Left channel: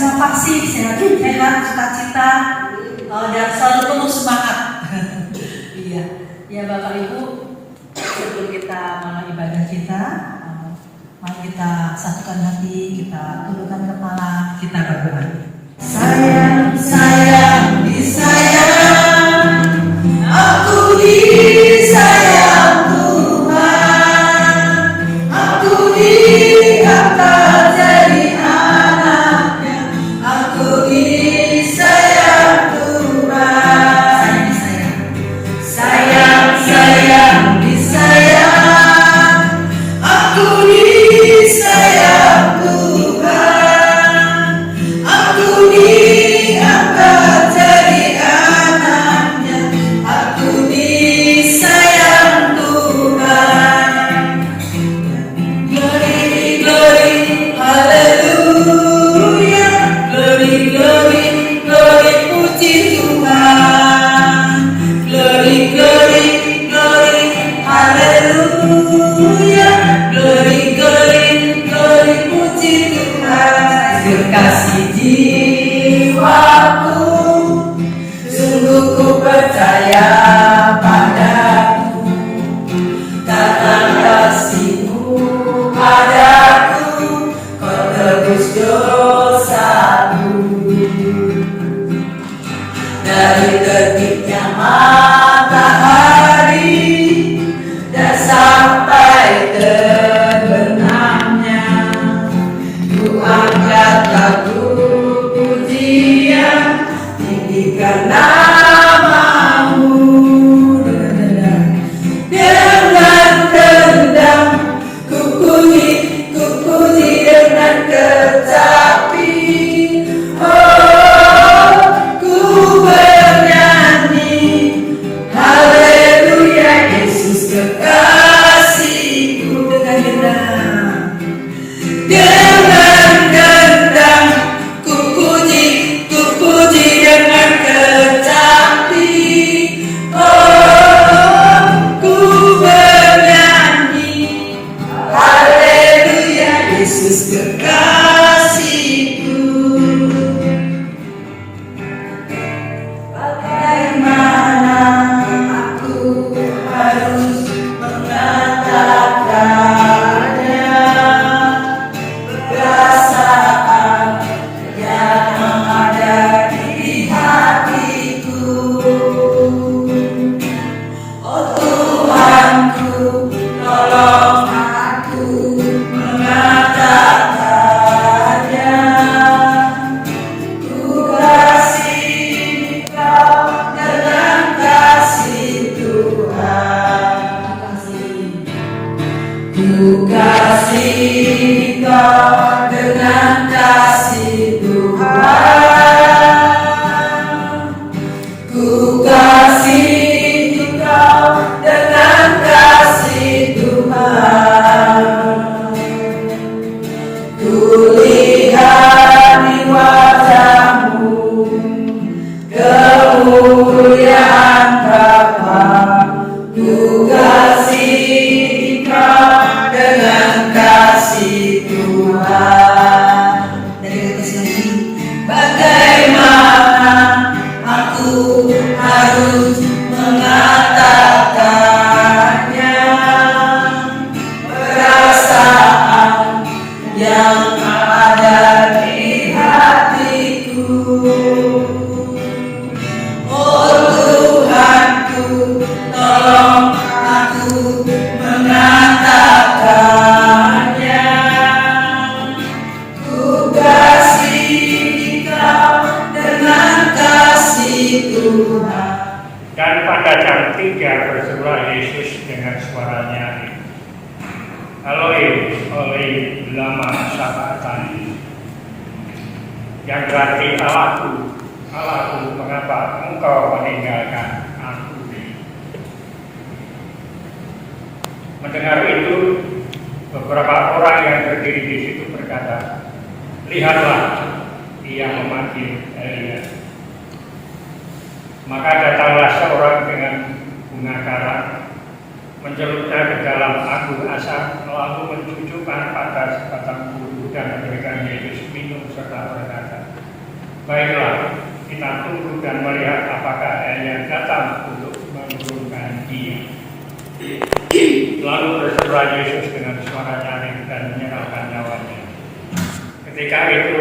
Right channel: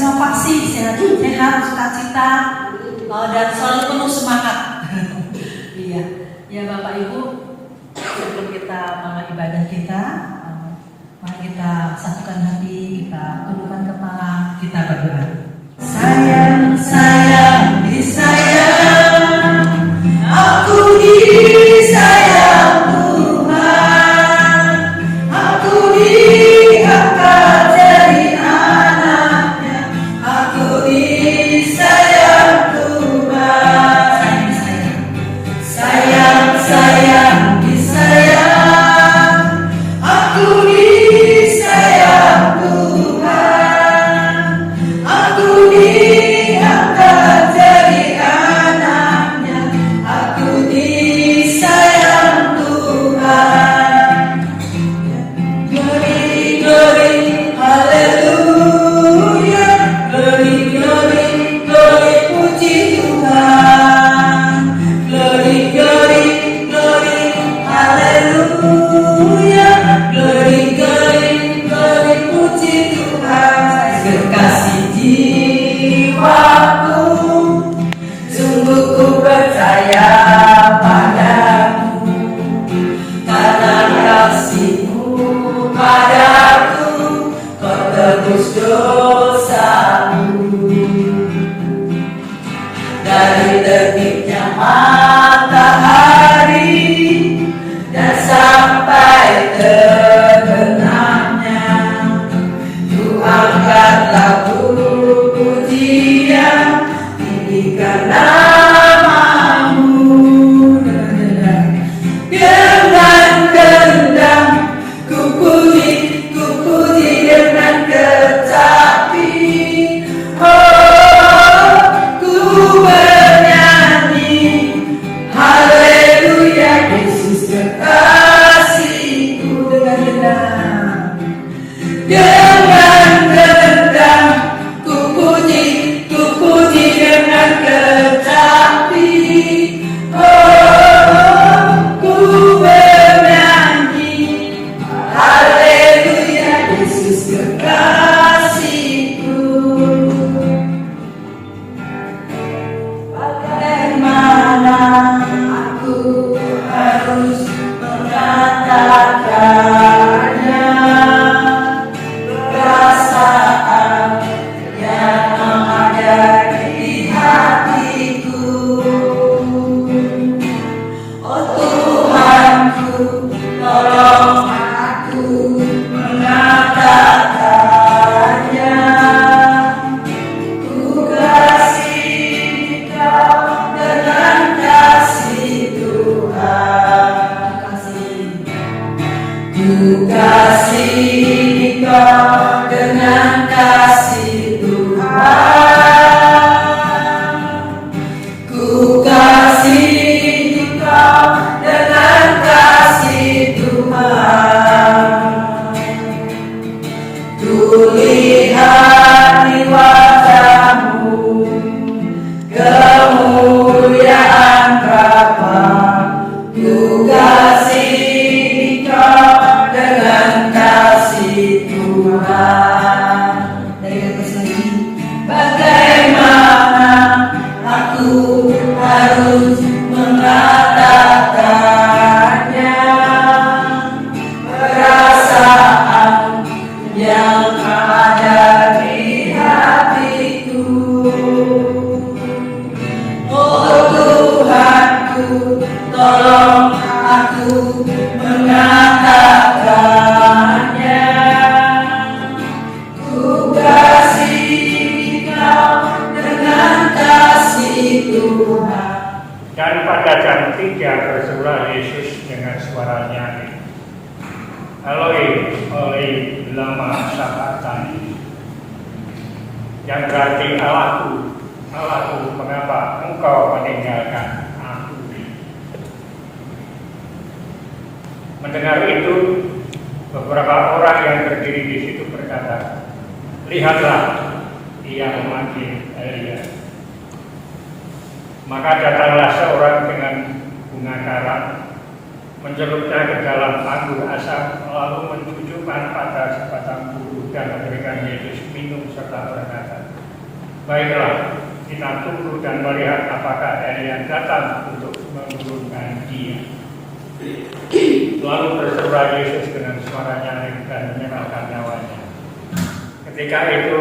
semua pasti sehat, sukacita, dan selalu penuh semangat. Iya, ya Bapak Ibu, sebelum kita mulai ibadah kita, mari kita satukan hati, kita tundukkan kepala, kita berdoa. Sayang, sayang, disayang, aku disayang Tuhan, aku diangkat jadi anaknya, aku disayang Tuhan. Sayang, sayang, disayang, aku disayang Tuhan, aku diangkat jadi anaknya, aku disayang Tuhan. Glory, glory, haleluya, glory, glory, glory, puji Tuhan. Glory, glory, glory, haleluya, glory, glory, glory, puji Tuhan. Kekasih jiwaku, sungguh ku percaya padamu, kata kasih-Mu padaku, kau tebus dosaku. Dari terbitnya matahari dan sampai terbenamnya, ku angkat lagu pujian, tinggikan nama-Mu. Dengan ku puji dengan kecapi. Oh, ku bernyanyi, haleluya, Yesus kekasihku. Dengan gendang ku puji dengan kecapi. Oh, ku bernyanyi, haleluya, Yesus kekasihku. Bagaimana aku harus mengatakannya, perasaan yang ada di hatiku. Oh Tuhanku, tolong aku mengatakannya. Ku kasih Kau dengan kasih Tuhan. Ku kasih Kau dengan kasih Tuhan. Ku kasih Kau dengan kasih Tuhan. Ku lihat di wajah-Mu kemuliaan Bapa. Ku kasih Kau dengan kasih Tuhan. Dari kasih, bagaimana aku harus mengatakannya, perasaan yang ada di hatiku. Oh Tuhanku, tolong aku mengatakannya. Ku kasih Kau dengan kasih Tuhan. Dan pada jam 3 berserulah Yesus dengan suara nyaring, Eloi, Eloi, lama sabachthani, yang berarti Allahku, Allahku, mengapa Engkau meninggalkan aku? Mendengar itu, beberapa orang yang berdiri di situ berkata, lihatlah, ia memanggil Elia. Maka datanglah seorang dengan bunga karam, mencelupnya ke dalam anggur asam, lalu mencucukkan pada sebatang bulu dan memberikan Yesus minum serta berkata, Baiklah, kita tunggu dan melihat apakah Elia datang untuk menurunkan dia. Lalu berseru Yesus dengan suara nyaring dan menyerahkan nyawanya. Ketika itu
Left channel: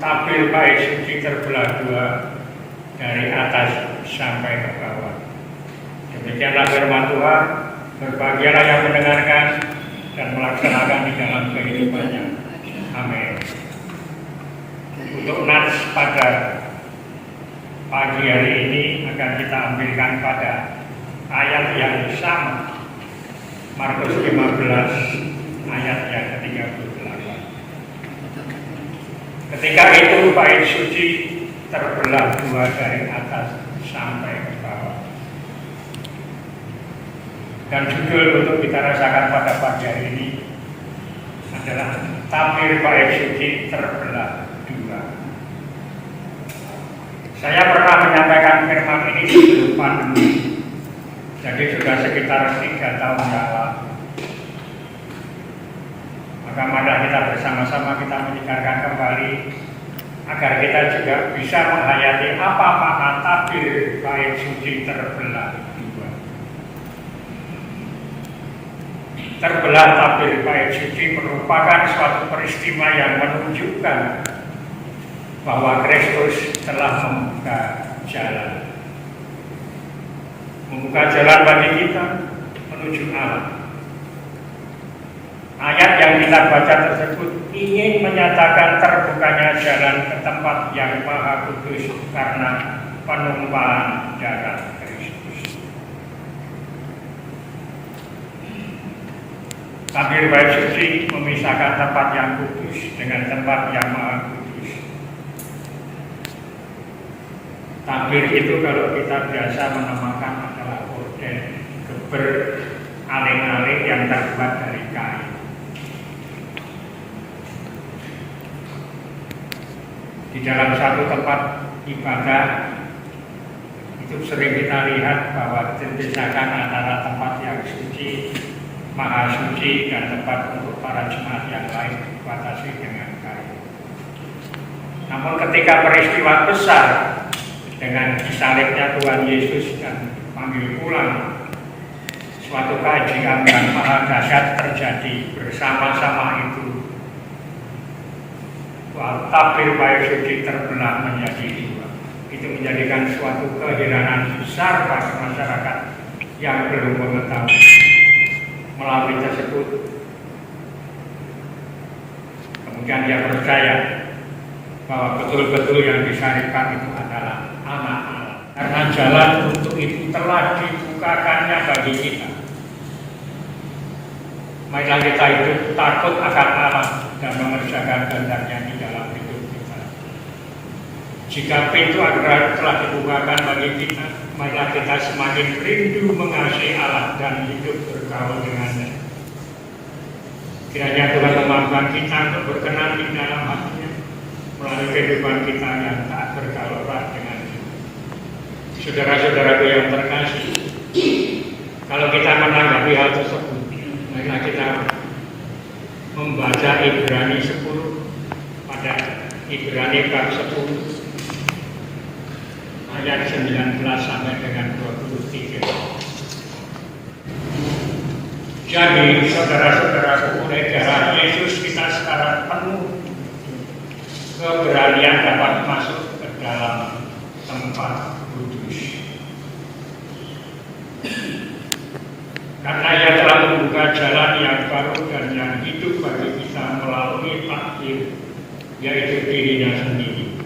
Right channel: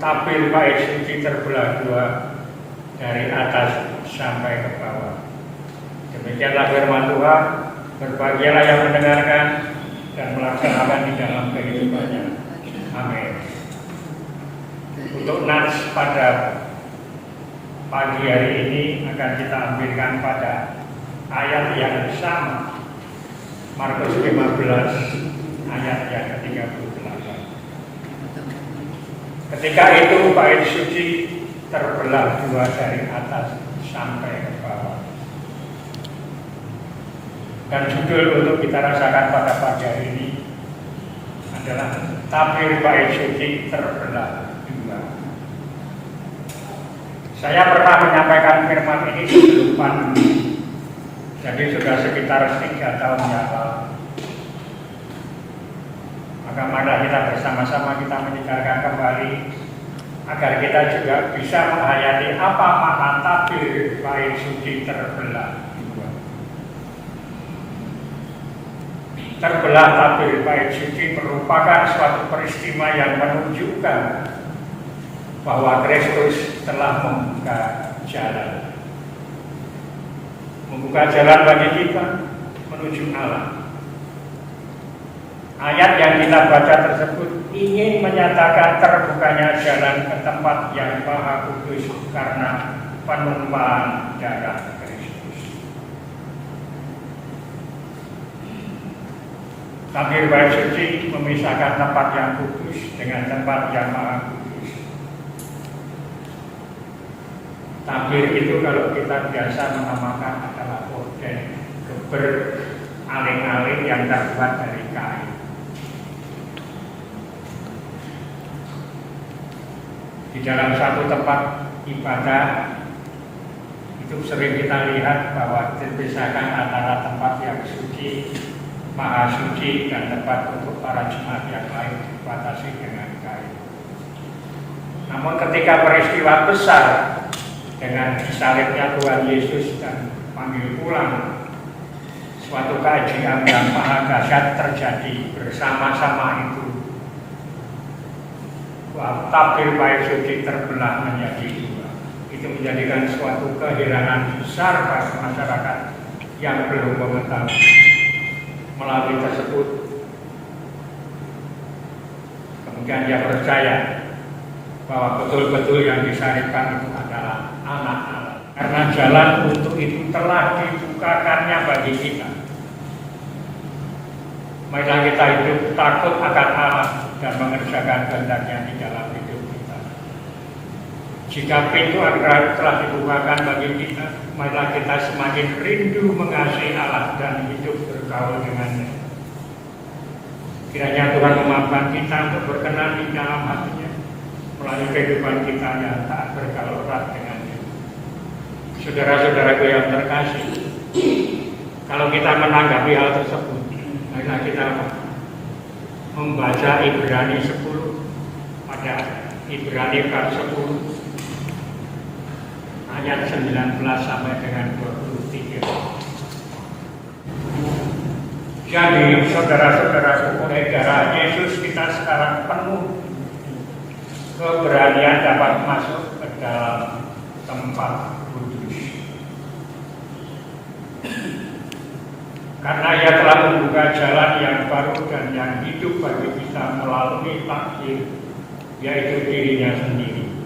tabir bait suci terbelah dua dari atas sampai ke bawah. Demikianlah firman Tuhan. Berbahagialah yang mendengarkan dan melaksanakan di dalam kehidupannya. Amin. Untuk nats pada pagi hari ini akan kita ambilkan pada ayat yang sama, Markus 15 ayat yang ke-38. Ketika itu bait suci terbelah dua dari atas sampai ke bawah. Dan judul untuk kita rasakan pada pagi hari ini adalah tabir bait suci terbelah dua. Saya pernah menyampaikan firman ini sebelum pandemi, jadi sudah sekitar 3 tahun yang lalu. Maka marilah kita bersama-sama kita mendengarkan kembali agar kita juga bisa menghayati apa makna tabir bait suci terbelah dua. Terbelah tabir bait suci merupakan suatu peristiwa yang menunjukkan bahwa Kristus telah membuka jalan. Membuka jalan bagi kita menuju Allah. Ayat yang kita baca tersebut ingin menyatakan terbukanya jalan ke tempat yang Maha Kudus karena penumpahan darah Kristus. Tabir bait suci memisahkan tempat yang kudus dengan tempat yang Maha Kudus. Tabir itu kalau kita biasa menamakan adalah orden, geber, aling-aling yang terbuat dari kain. Di dalam satu tempat ibadah itu sering kita lihat bahwa terpisahkan antara tempat yang suci, maha suci, dan tempat untuk para jemaat yang lain dibatasi dengan kain. Namun ketika peristiwa besar dengan disalibnya Tuhan Yesus dan panggil pulang, suatu keajaiban yang maha dahsyat terjadi bersama-sama itu. Tabir bait suci terbelah menjadi dua. Itu menjadikan suatu keheranan besar bagi masyarakat yang belum mengetahui. Melalui tersebut, kemudian dia percaya bahwa betul-betul yang disalibkan itu adalah anak Allah. Karena jalan untuk itu telah dibukakannya bagi kita. Marilah kita hidup takut akan Allah dan mengerjakan kehendaknya di dalam hidup kita. Jika pintu agraria telah dibukakan bagi kita, marilah kita semakin rindu mengasihi Allah dan hidup bergaul dengannya. Kiranya Tuhan memampukan kita untuk berkenan di dalam hatinya melalui kehidupan kita yang taat bergaul erat dengannya. Saudara-saudaraku yang terkasih, kalau kita menanggapi hal tersebut, marilah kita membaca Ibrani 10 pada Ibrani bab 10 ayat 19 sampai dengan 23. Jadi saudara-saudaraku, oleh darah Yesus kita sekarang penuh keberanian dapat masuk ke dalam tempat kudus. Karena ia telah membuka jalan yang baru dan yang hidup bagi kita melalui takdir, yaitu dirinya sendiri.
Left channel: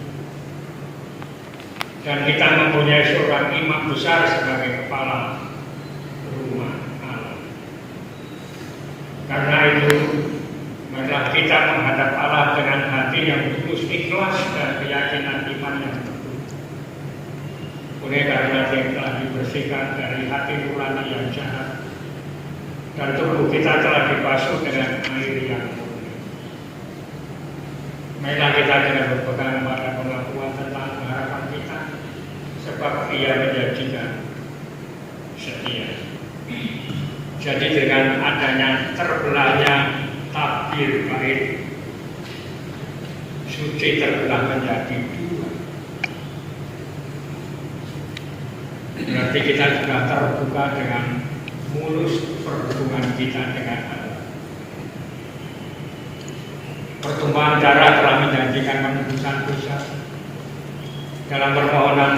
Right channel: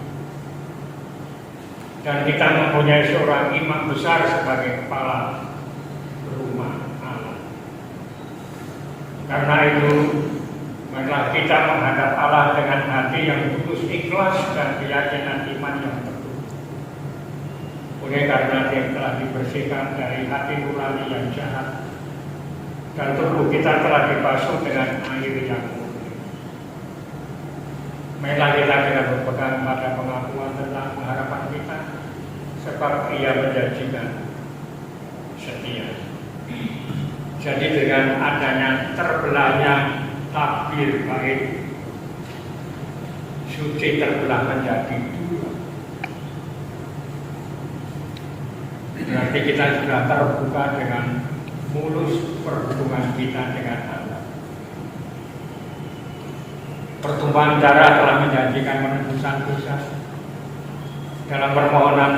Dan kita mempunyai seorang imam besar sebagai kepala rumah Allah. Karena itu, marilah kita menghadap Allah dengan hati yang tulus, ikhlas, dan keyakinan iman yang teguh. Oleh karena dia telah dibersihkan dari hati nurani yang jahat, dan tubuh kita telah dibasuh dengan air yang murni. Marilah kita dengan berpegang pada pengakuan tentang pengharapan kita, sebab Ia menjanjikan setia. Jadi dengan adanya terbelahnya tabir bait suci terbelah menjadi dua, berarti kita sudah terbuka dengan mulus perhubungan kita dengan Allah. Pertumpahan darah telah menjanjikan penebusan dosa. Dalam permohonan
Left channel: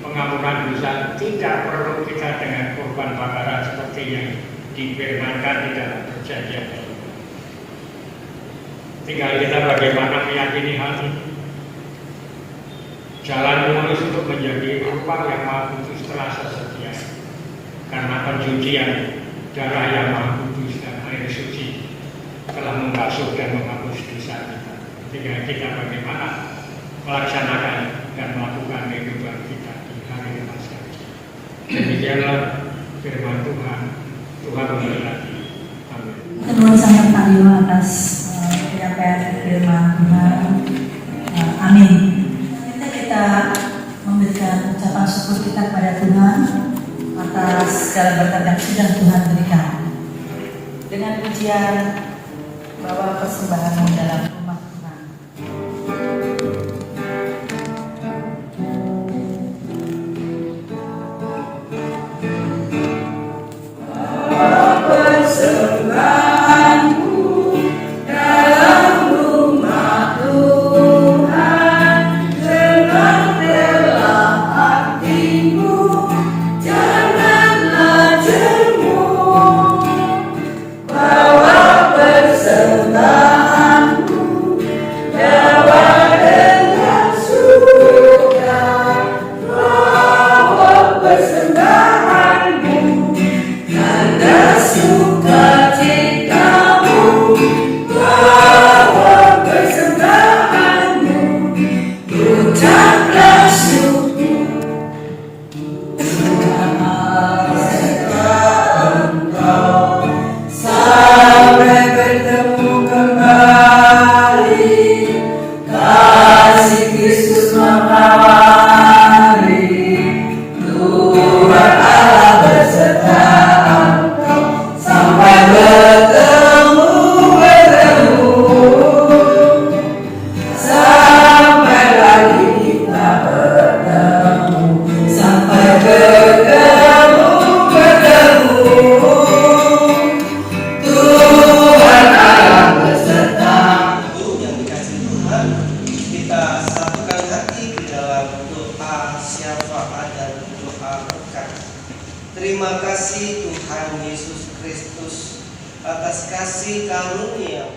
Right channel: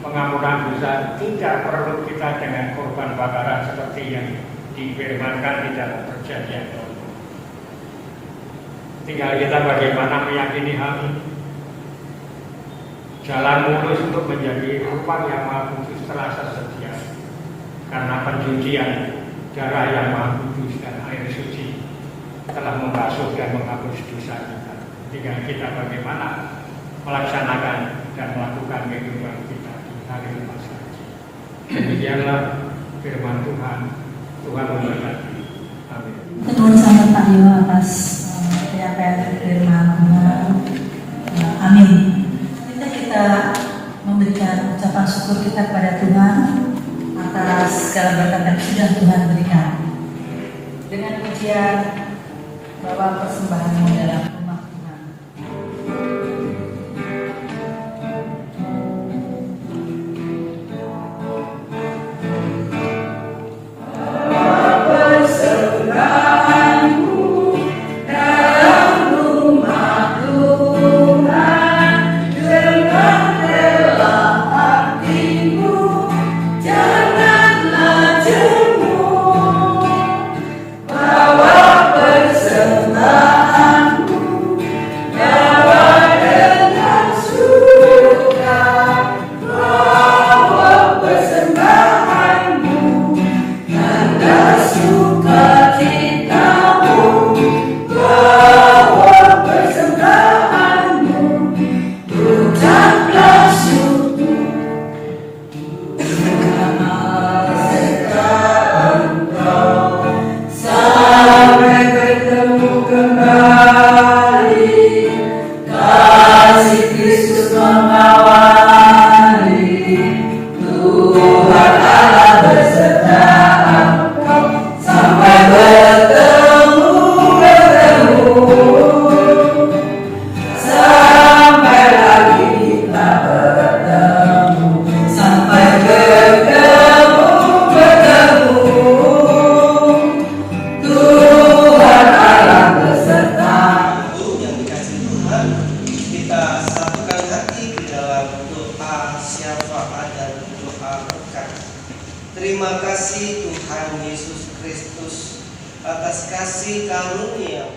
pengampunan dosa tidak perlu kita dengan korban bakaran seperti yang difirmankan di dalam perjanjian baru. Tinggal kita bagaimana meyakini hal ini. Jalan mulus untuk menjadi rupa yang Maha Kudus terasa setia karena pencucian darah yang Maha Kudus dan air suci telah membasuh dan menghapus dosa kita. Tinggal kita bagaimana melaksanakan dan melakukan kehidupan kita di hari Paskah. Demikianlah firman Tuhan. Tuhan memberkati. Amin. Terima kasih Pak Dewa atas penyampaian firman Tuhan. Amin. Kita memberikan ucapan syukur kita kepada Tuhan atas segala berkat yang sudah Tuhan berikan. Dengan pujian bawa persembahanmu dalam rumah Tuhan. Terima kasih Tuhan Yesus Kristus atas kasih karunia